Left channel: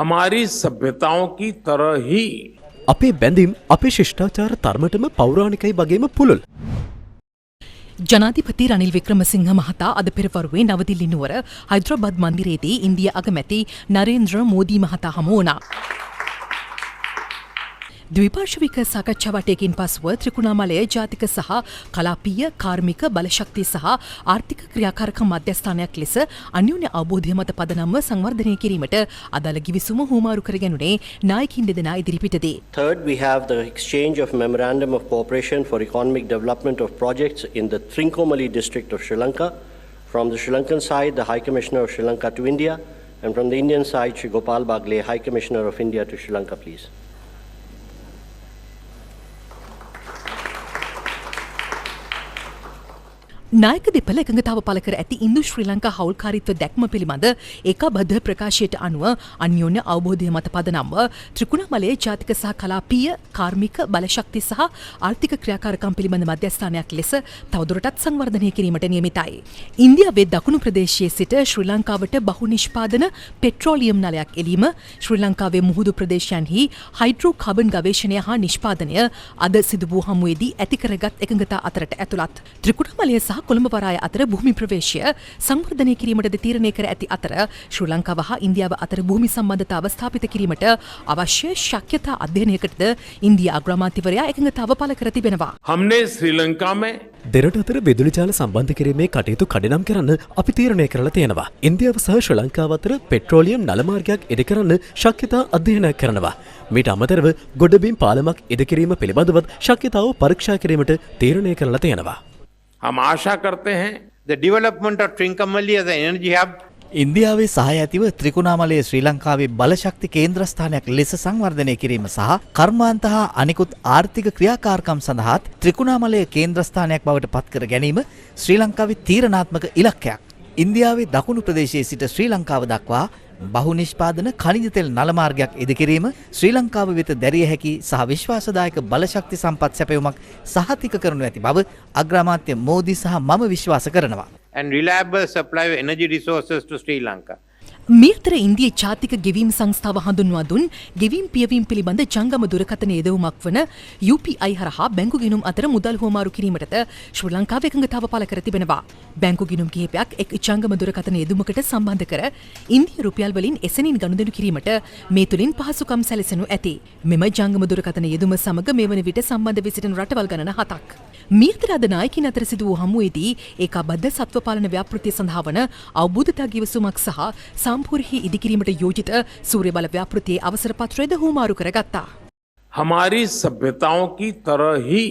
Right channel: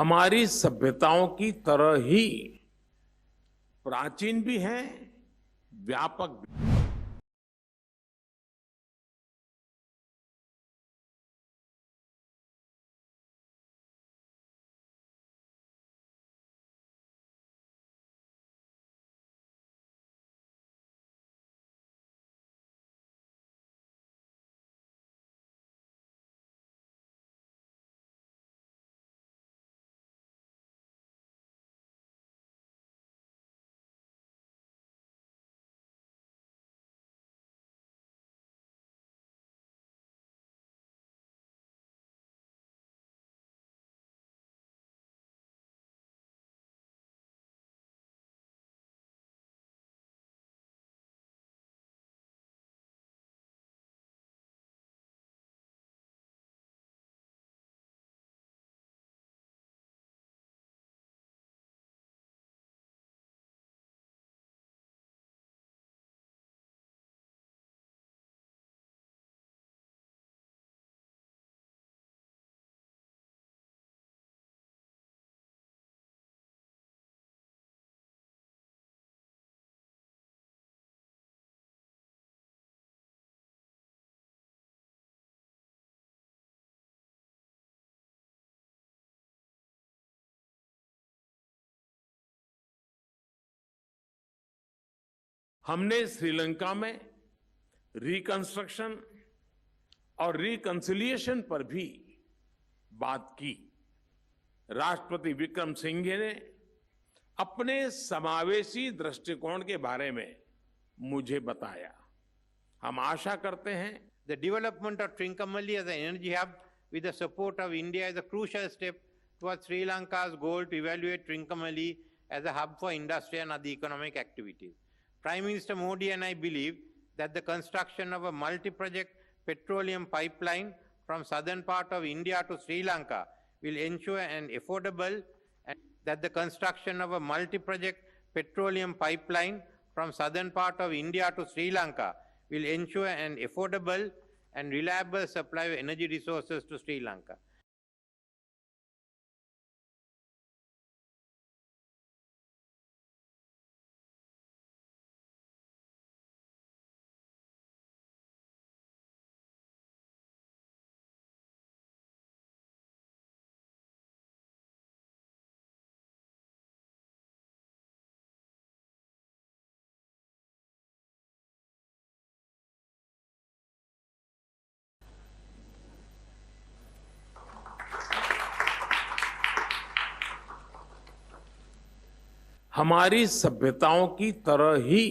हमारी सभ्यताओं की तरह ही අපේ බැඳීම් අපේ ශිෂ්ටාචාර තරමටම පෞරාණිකයි වගේම පුළුල්. ජනාධිපති රනිල් වික්‍රමසිංහ මහතා අද පෙරවරුවේ නවදිල්ලි නුවර හයිද්‍රාබාද් මන්දිරයේදී ඉන්දියා අගමැති නරේන්ද්‍ර මෝදී මහතා හමු වුණා. ද්විපාර්ශ්වික සාකච්ඡා වටයකින් පසුව ත්‍රිකුණාමලය ජාතික සහ කලාපීය කාර්මික බලශක්තිය සහ ආර්ථික ක්‍රියාකාරකම් මධ්‍යස්ථානයක් ලෙස අන්‍යෝන්‍ය අවබෝධය මත පදනම්ව සංවර්ධනය කිරීමට අදාළ ගිවිසුම හුවමාරු කර ගැනුණේ නායකින් දෙදෙනා ඉදිරිපිටදී. Third, we have the exchange of Memorandum of Cooperation for Economic Development of Projects in the Trincomalee district of Sri Lanka. From the Sri Lankan side, the High Commissioner of Sri Lanka to India, and from the Indian side, Shri Gopal Bagle, High Commissioner of India to Sri Lanka, please. නායක දෙපළ එකඟතාව පළ කර ඇති ඉන්දු ශ්‍රී ලංකා හවුල්කාරීත්ව දැක්ම පිළිබඳ ඒකාබද්ධ ප්‍රකාශයට අනුව අන්‍යෝන්‍ය අවබෝධය මත පදනම්ව ත්‍රිකුණාමලයේ ජාතික සහ කලාපීය කාර්මික බලශක්ති සහ ආර්ථික ක්‍රියාකාරකම් පිළිබඳ මධ්‍යස්ථානයක් ලෙස තවදුරටත් සංවර්ධනය කිරීමට නියමිතයි. ඉන්දියාවේ දකුණු ප්‍රදේශයේ සිට ශ්‍රී ලංකාවට බහු නිෂ්පාදන පෙට්‍රෝලියම් නලයක් එලීම, ශ්‍රී ලංකාවේ මුහුදු ප්‍රදේශයන්හි හයිඩ්‍රෝ කාබන් ගවේෂණය හා නිෂ්පාදනය අද සිදු වූ හමුවේදී ඇති කරගත් එකඟතා අතරට ඇතුළත්. ත්‍රිකුණාමලය සහ කොළඹ වරාය අතර භූමි ප්‍රවේශය සංවර්ධනය කිරීමටද තීරණය කර ඇති අතර ශ්‍රී ලංකාව හා ඉන්දියාව අතර භූමි සම්බන්ධතාව ස්ථාපිත කිරීමට අවශ්‍ය ශක්්‍යතා අධ්‍යයනයකටද ඉන්දියා අග්‍රාමාත්‍යවරයා එකඟතාව පළ කර තිබෙනවා. हमने श्रीलंका में දෙරට අතර විදුලි ජාල සම්බන්ධ කිරීමේ කටයුතු කඩිනම් කරන්න අපි තීරණය කරලා තියෙනවා. ඉන්දියාව සහ ශ්‍රී ලංකාව අතර පෙට්‍රෝලියම් නල මාර්ගයක් ඉදිකරන්න ශක්්‍යතා අධ්‍යයනයක් කරනවා. මීට අමතරව ගොඩබිම් පාලමක් ඉදිකිරීම පිළිබඳවත් ශක්්‍යතාව පරීක්ෂා කිරීමට තීරණය කරලා තියෙනවා. हम आशा करते हैं the development of Trincomalee as an energy hub. ඉන්දියාවේ සහාය ඇතිව ත්‍රිකුණාමලයේ ශ්‍රී ලංකාවේ බලශක්ති කේන්ද්‍රස්ථානයක් ලෙස සංවර්ධනය කිරීම සහ කර්මාන්ත හා අනිකුත් ආර්ථික ක්‍රියාකාරකම් සඳහා ත්‍රිකුණාමලයේ කේන්ද්‍රස්ථානයක් බවට පත්කර ගැනීම ශ්‍රී ලංකාවේ තීරණාත්මක ඉලක්කයක්. ඉන්දියාවේ දකුණු ප්‍රදේශයේ සිට ශ්‍රී ලංකාව දක්වා බහු නිෂ්පාදන khනිජ තෙල් නල මාර්ගයක් ඉදිකිරීම ශ්‍රී ලංකාව වෙත දැරිය හැකි සහ විශ්වාසදායක බලශක්ති සම්පත් සැපයුමක් සහතික කරනු ඇති බව අග්‍රාමාත්‍ය මෝදී සහ මම විශ්වාස කරනවා. And reliable supply of energy resources to Sri Lanka. මේ අතර ඉන්දියා ජාතික ගෙවීම් සංස්ථාව හඳුන්වා දුන් ගෙවීම් පියවීම් පිළිබඳ ජංගම දුරකථන යෙදවුමක් වන UPI හරහා බැංකු ගිණුම් අතර මුදල් හුවමාරු කිරීමටද ශ්‍රී ලංකාව එකඟතාව පළ කර තිබෙනවා. බැංකු ගිණුම් කිහිපයක් එක් ජංගම දුරකථන යෙදුමකට සම්බන්ධ කර ඉන්දිය රුපියල් වලින් එසැනින් ගනුදෙනු කිරීමට මේ තුලින් පහසුකම් සැලසෙනු ඇති. මෙම ජංගම දුරකථන යෙදුම සමග මේ වන විට සම්බන්ධ වී සිටින රටවල් ගණන 7ක්. මේ අතර අද නායකින් අතර සිදු වූ හමුවේදී ඒකාබද්ධ සත්ව පාලන ව්‍යාපෘතිය සඳහා වන අවබෝධතා ගිවිසුමක් සහ සම්පූර්ණ ඉදිකිරීමට යෝජිත සූර්ය බල ව්‍යාපෘතියේ අවසර පත්‍රයද හුවමාරු කරගත්තා. हमारी सभ्यताओं की तरह ही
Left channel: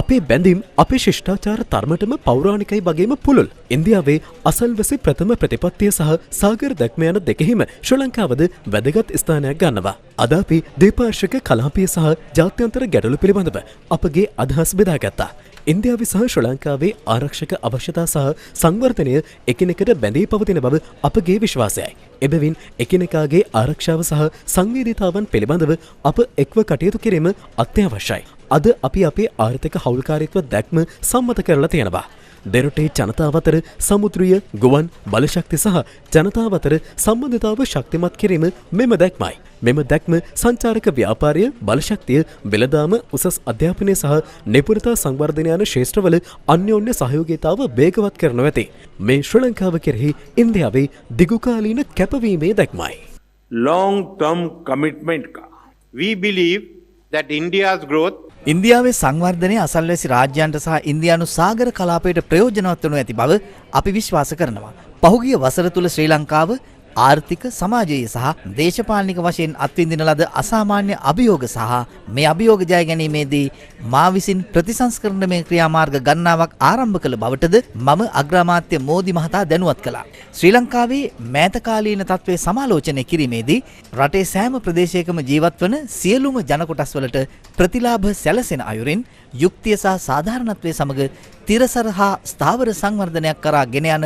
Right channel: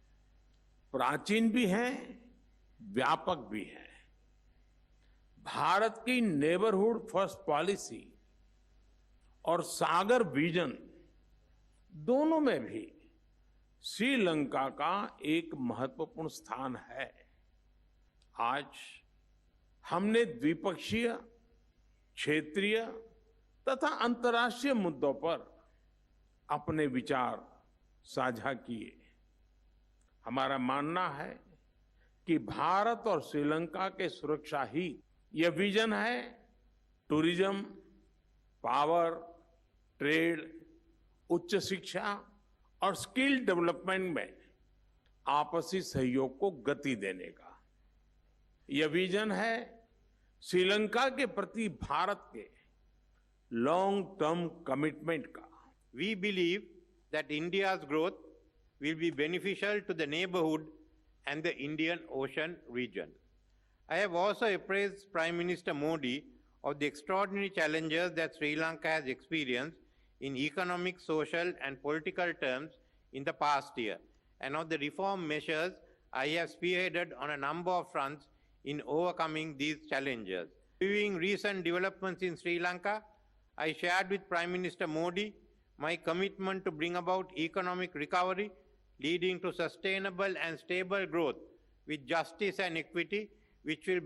අපේ බැඳීම් අපේ ශිෂ්ටාචාර තරමටම පෞරාණිකයි වගේම පුළුල්. ඉන්දියාවේ අසල්වැසි ප්‍රථම ප්‍රතිපත්තිය සහ සාගර දැක්ම යන දෙකෙහිම ශ්‍රී ලංකාවද වැදගත් ස්ථානයක් ගන්නවා. අද අපි ද්විපාර්ශ්වික කලාපීය සහ ජාත්‍යන්තර ගැටලු පිළිබඳව අපගේ අදහස් බෙදාගත්තා. ඉන්දියාවේ සහ ශ්‍රී ලංකාවේ ආරක්ෂක අවශ්‍යතා සහ සංවර්ධනය එකිනෙකට බැඳී පවතින බව අපගේ විශ්වාසයයි. එබැවින් එකිනෙකාගේ ආරක්ෂාව සහ සංවේදීතාවන් පිළිබඳව අප එක්ව කටයුතු කිරීම අත්‍යවශ්‍යයි. අද අපි අපේ ආර්ථික හවුල්කාරීත්ව දැක්ම සම්මත කරලා තියෙනවා. දෙරටේ ජනතාව අතර සමුද්‍රීය ගුවන් බලශක්ති සහ ජනතාව අතර සම්බන්ධතාව ශක්තිමත් කිරීම මෙම දැක්මයි. මෙම දැක්ම සංචාරක ව්‍යාපාරය, බලශක්තිය, වෙළඳාම, උසස් අධ්‍යාපනය සහ නිපුණතා සංවර්ධනය යන ක්ෂේත්‍රවල අන්‍යෝන්‍ය සහයෝගීතාව වේගවත් කරනු ඇති. මේ ශ්‍රී ලංකාව කෙරෙහි ඉන්දියාවේ දිගුකාලීන කැපවීමේ දැක්මයි. लॉन्ग टर्म कमिटमेंट का We believe that India's growth ඉන්දියාවේ සංවර්ධනය අසල්වැසි රාජ්‍යයන්ට සහ ඉන්දියානු සාගර කලාපයට ප්‍රයෝජනවත් වනු ඇති බව අපි විශ්වාස කරනවා. පහුගිය වසර තුල ශ්‍රී ලංකාව ආර්ථික, සමාජීය සහ දේශපාලනික වශයෙන් අත්විඳින ලද අසාමාන්‍ය අභියෝග සහ මේ අභියෝග ජය ගැනීමේදී මා විසින් ප්‍රතිසංස්කරණමය ක්‍රියාමාර්ග ගණනාවක් ආරම්භ කළ බවටද මම අග්‍රාමාත්‍ය මෝදී මහතා දැනුවත් කළා. ශ්‍රී ලංකාවේ මෑතකාලීන තත්ත්වයේ සමාලෝචනය කිරීමේදී රටේ සෑම ප්‍රදේශයකම ජීවත් වන සියලුම ජන කොටස් වලට ප්‍රතිලාභ සැලසෙන අයුරින් යුක්තිය සහ සාධාරණත්වයේ සමග තිරසර හා ස්ථාවර සංවර්ධනයක් කරා ගෙන යන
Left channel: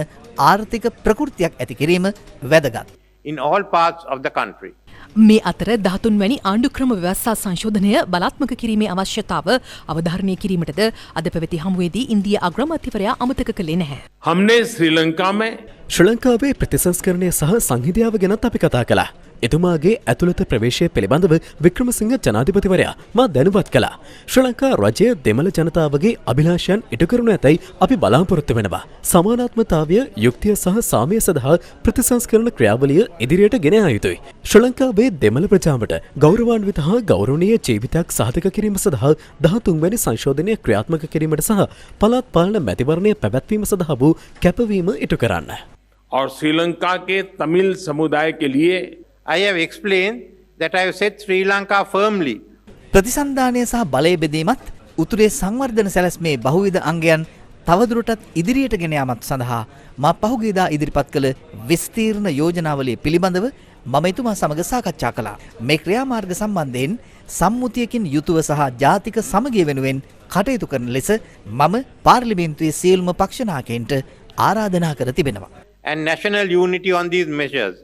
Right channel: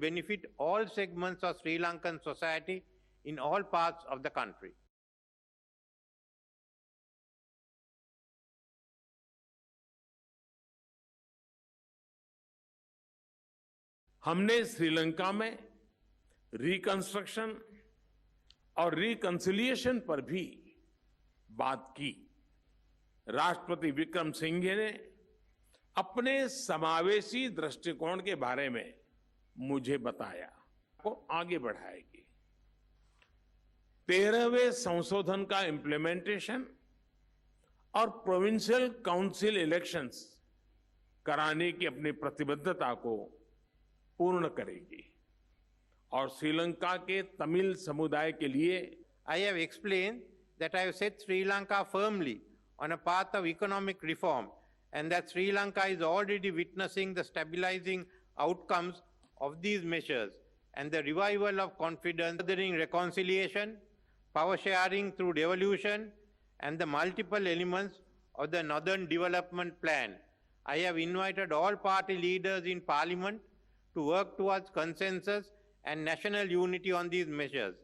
ආර්ථික ප්‍රකෘතියක් ඇති කිරීම වැදගත්. in all parts of the country. මේ අතර 13 වැනි ආණ්ඩුක්‍රම ව්‍යවස්ථා සංශෝධනය බලාත්මක කිරීමේ අවශ්‍යතාව අවධාරණය කිරීමටද අද පැවති හමුවේදී ඉන්දියා අග්‍රාමාත්‍යවරයා අමතක කළේ නැහැ. हमने श्रीलंका में ශ්‍රී ලංකාවේ ප්‍රතිසංස්කරණය සහ සංහිඳියාව ගැනත් අපි කතා කළා. එතුමාගේ ඇතුළත ප්‍රවේශය පිළිබඳව වික්‍රමසිංහ ජනාධිපතිවරයා මා දැනුවත් කළා. ශ්‍රී ලංකා රජය දෙමළ ජනතාවගේ අභිලාෂයන් ඉටු කරනු ඇතැයි අපි බලාපොරොත්තු වෙනවා. සමානාත්මතාවය, යුක්තිය සහ සාමය සඳහා ප්‍රතිසංස්කරණ ක්‍රියාවලිය ඉදිරියට ගෙන යා යුතුයි. ශ්‍රී ලංකාවේ දෙමළ ප්‍රජාවට ගෞරවාන්විත හා ගෞරවනීය ජීවිතයක් සාධක කිරීම සඳහා 13 වැනි සංශෝධනය ක්‍රියාත්මක කිරීමට සහ පළාත් පාලන මැතිවරණය පැවැත්වීම සඳහා වූ කැපවීම ඉටු කරන්න. और श्रीलंका के तमिल समुदाय के लिए I have explained that I have set Sri Lanka firmly ප්‍රතිසන්ධානය සහ බලය බෙදීමත් උතුරේ සංවර්ධන සැලැස්මේ බහුවිධ අංගයන් තවදුරටත් ඉදිරියට ගෙන යාමත් සඳහා මා පහුගියදා ඉදිරිපත් කළ විස්තීර්ණ යෝජනාවලිය පිළිබඳව මම එතුමා සමග සාකච්ඡා කළා. මේ ක්‍රියාමාර්ග සම්බන්ධයෙන් සම්මුතියකින් යුතුව සහ ජාතික සමගිය වෙනුවෙන් කටයුතු කරන ලෙස මම පාර්ලිමේන්තුවේ සියලුම පක්ෂ නායකයන්ට ආරාධනා කර තිබෙනවා. and national unity on these measures.